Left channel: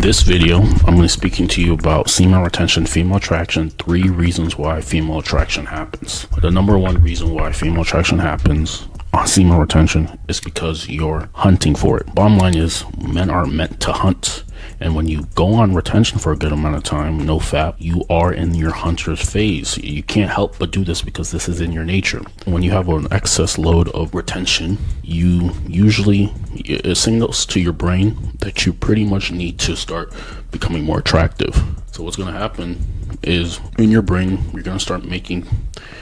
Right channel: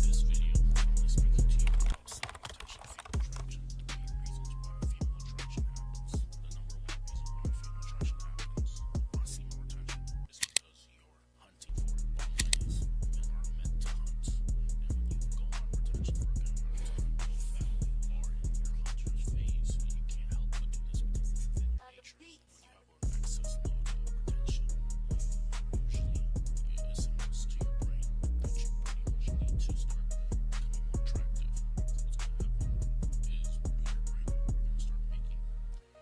In this video, I'm going to be speaking to you about semen retention, female attraction, 3 reasons why female attraction happens. The number one reason why female attraction happens on semen retention is because you're hunting for it. Bottom line is, men are meant to hunt. And when you go on retention for a good amount of time, no fap, you are in your hunter's phase. You can't help but do this because this is in your nature. When you have an excess load of retention, it signals to your brain that you pretty much need to start becoming more attractive. So what's going to happen is in your brain, you're going to start making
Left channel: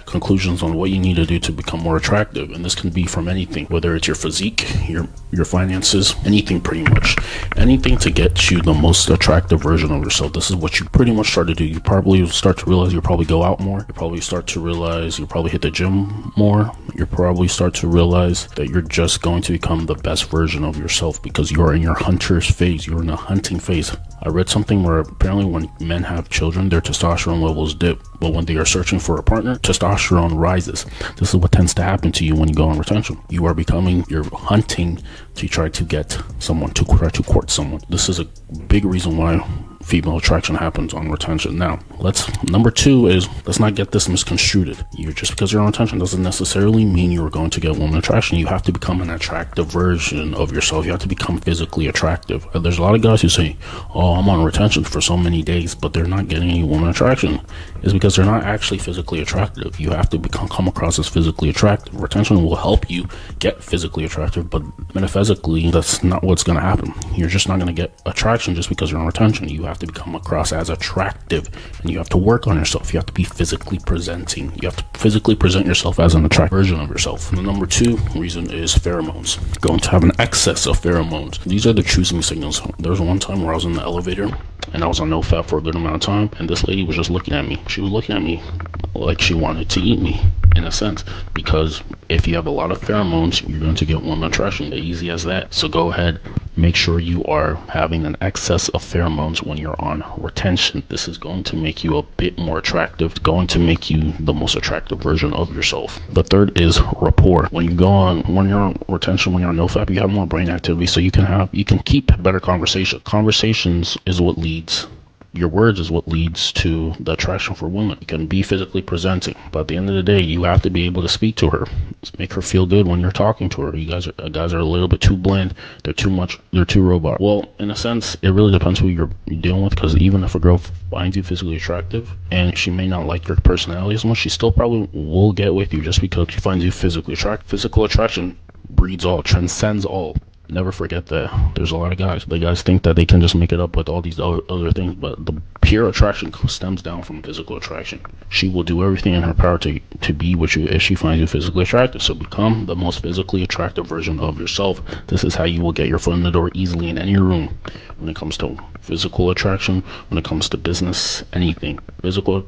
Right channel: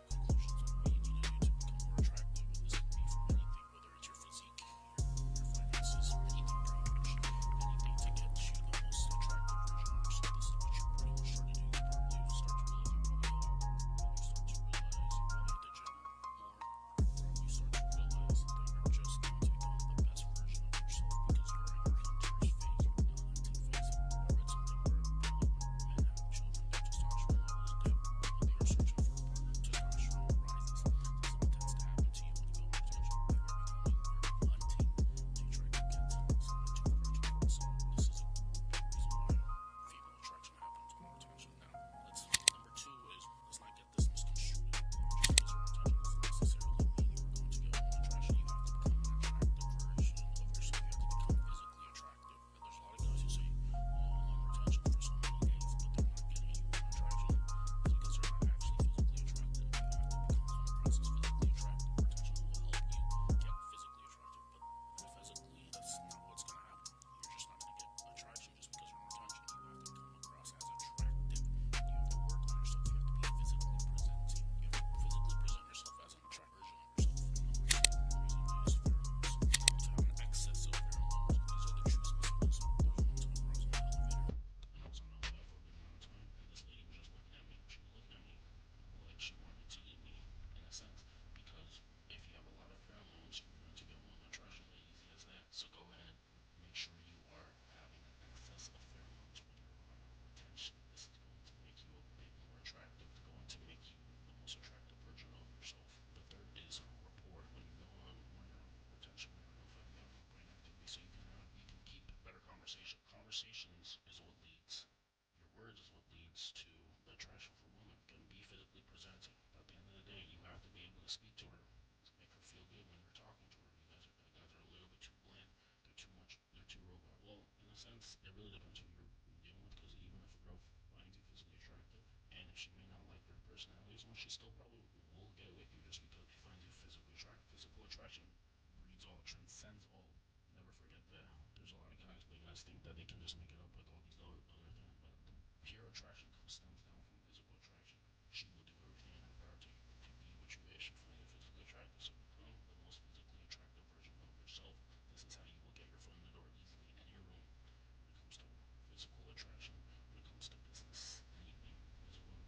conclusions on what you need to do to become more attractive. And this can be from anything, whether it's your physique, your finances, anything, pretty much anything to get you the most attractive version of yourself. This is what you pretty much start to do. You probably start to realize you'll probably go out more. You probably start to realize you'll probably hit the gym more. You probably start to realize that you're just going to become the best version of yourself because you're in your hunter's phase. You're in a hunting phase. I read something where apparently when men have children, their testosterone levels dip, but when they are searching for a partner, testosterone rises. This is what tends to happen to you when you go on retention. You're hunting to try to get someone, to try to court someone. This is a big reason why female attraction happens on retention. Now, number 2 is, let's not get this misconstrued. Just because you're on retention doesn't necessarily mean you're going to get woman attraction. You have to become an attractive version of yourself. You have to become physically attractive. There's a lot of guys who say, oh, I'm on retention for so many days, but they're not getting any woman attraction. It's because they're not actually physically attractive. You have to come across as physically attractive. Retention will help you get physically attractive, but metaphysically, that's not what's going to happen. You're just not going to get attraction just because you're on retention. You have to become across as attractive, and you have to work on yourself. You have to be physically presenting. You have to physically present yourself as an attractive version of yourself. And the number 2 reason is pheromones. Going to have an excess of pheromones. These are the choosing signals. There was one time where I was in the elevator and I was on no fap for a good amount of time, and this lady was just looking at me. She was looking at me like she wanted to eat me, in a sense, because if you have a lot of pheromones, you're going to get woman attraction. Easy as that. So go ahead, make sure you are having an excess of pheromones when you're on retention. This is going to make you a bit more attractive. It's going to make you the most attractive version of yourself. The third is rapport. When you're on retention, when you're on nofap, you have more brain activity, so you can keep better conversation. Conversations is what leads. Your words is what leads to the attraction for women. You can be physically presenting, but at the end of the day, you have to be able to speak to her. Make her feel good when you're talking to her. You guys are a little bit too bland. They're too robot. Well, in a sense, it really depends who you're dealing with, because even if a girl finds you physically attractive and she may not like your personality as much, she still probably will get with you just because she finds you physically attractive. Physical attraction breeds all, transcends all. Never forget that. There's a lot of guys. The guys think that they can just make it up with all these other things, but the pure attraction stems down from physical attraction. She will do everything in her power to be with you if she finds you physically attractive. So become the most physically attractive version of yourself. This is how you will get your foot in the door easily in any room. When it comes to physical attraction, when it comes to business, anything.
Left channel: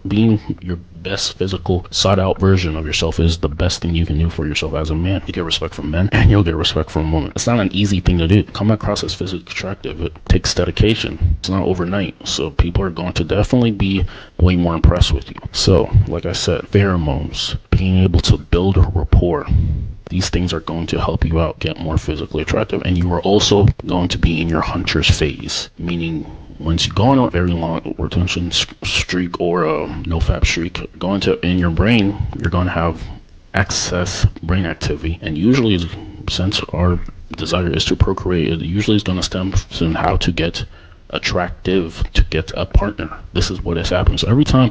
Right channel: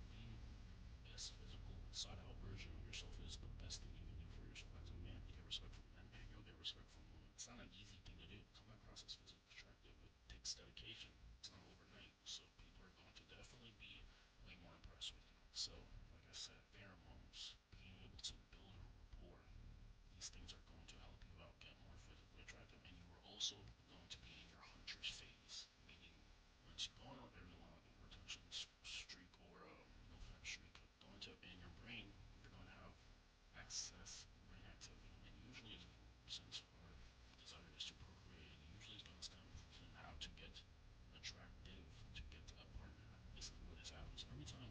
Being your best physical sought out version of yourself is the best thing you can do for yourself as a man. You get respect from men and you'll get respect from women. It's not an easy thing to do. Come across as physically attractive, it takes dedication. It's not overnight. So people are going to definitely be way more impressed with you. So, like I said, pheromones, being able to build a rapport. These things are going to help you out get more physically attractive, and you are also going to be in your hunter's phase, meaning once you go on a very long retention streak or a nofap streak, in your brain, you're going to have excess brain activity, and usually, since our desire is to procreate, it usually is going to stem from how to get attractive to get a partner. This is what is happening. So every time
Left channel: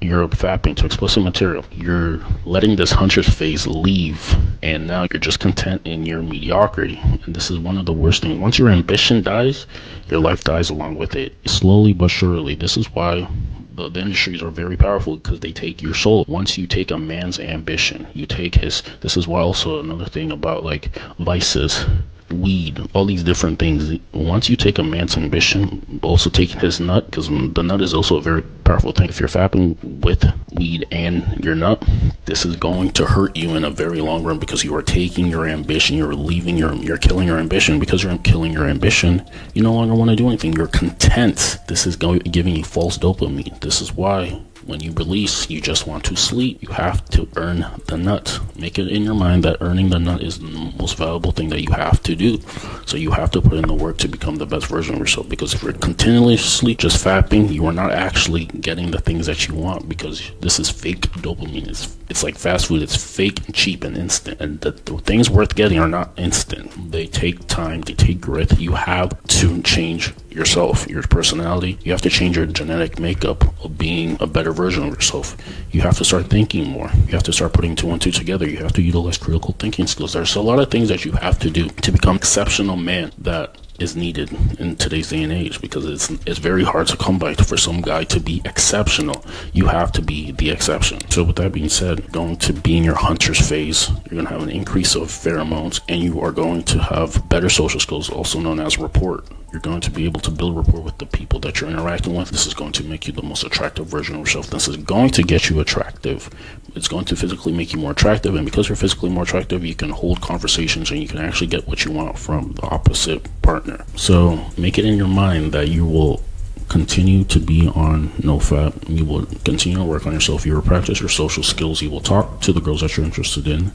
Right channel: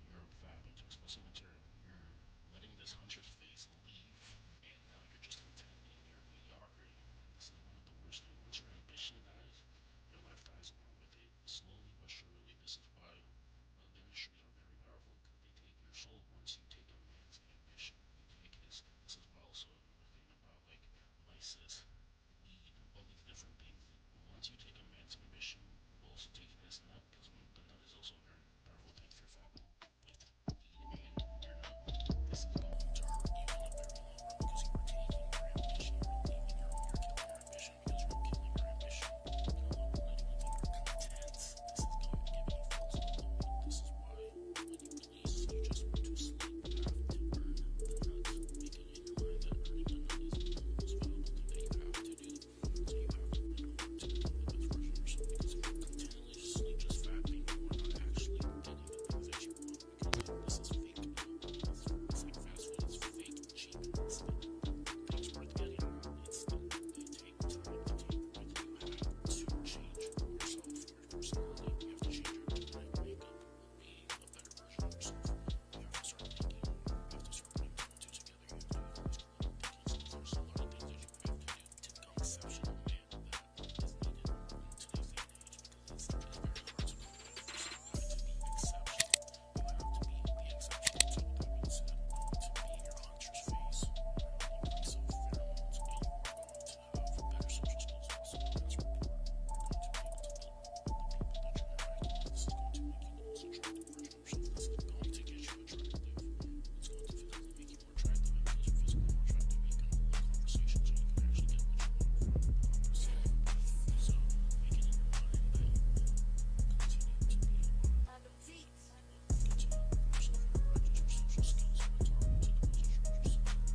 you're fapping to explicit material, you're letting this hunter's phase leave, and now you're just content in your mediocrity. And this is one of the worst things. Once your ambition dies, your life dies along with it, slowly but surely. This is why the industries are very powerful, because they take your soul. Once you take a man's ambition, you take his. This is why also another thing about like vices, weed, all these different things. Once you take a man's ambition, also taking his nut, because the nut is also a very powerful thing. If you're fapping with weed and your nut, this is going to hurt you in a very long run, because you are taking your ambition, you're killing your ambition. Because you're killing your ambition, you no longer want to do anything. You're content. This is giving you false dopamine. This is why When you release, you just want to sleep. You have to earn the nut. Make it in your mind that earning the nut is the most valuable thing that you have to do. So you have to put in the work to become the best version of yourself. Because if you're continuously just fapping, you are not actually getting the things that you want, because this is fake dopamine. It's like fast food. It's fake and cheap and instant. And the things worth getting are not instant. They take time. They take grit. You have to change yourself, your personality. You have to change your genetic makeup of being a better version of yourself. You have to start thinking more. You have to start putting 2 and 2 together. You have to utilize critical thinking skills. There's a lot of things that you have to do to become exceptional man that is needed in today's day and age, because it's very hard to come by for some guy to be exceptional. You have to be the exception. So with that being said, going to be in your hunter's phase, you're going to have an increase of pheromones, and you are going to have better social skills, also known as rapport. You're going to be able to build rapport with the people that you're interacting with. This is going to make you the most attractive version of yourself. This is going to get you attractive. It's going to physically make you more attractive, and because you're physically more attractive, you can hold conversations and you can actually get what you want from the opposite partner. So make it in your mind that you will continue to be on NoFap. You will continue to work on yourself. You will practice your social skills. You will talk to the girls that you're interested in,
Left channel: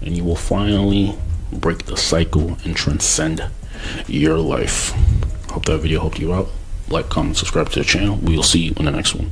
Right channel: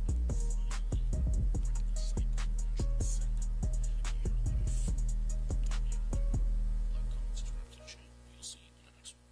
and you will finally break the cycle and transcend your life. Hope that video helped you out. Like, comment, subscribe to the channel. We'll see you in the next one.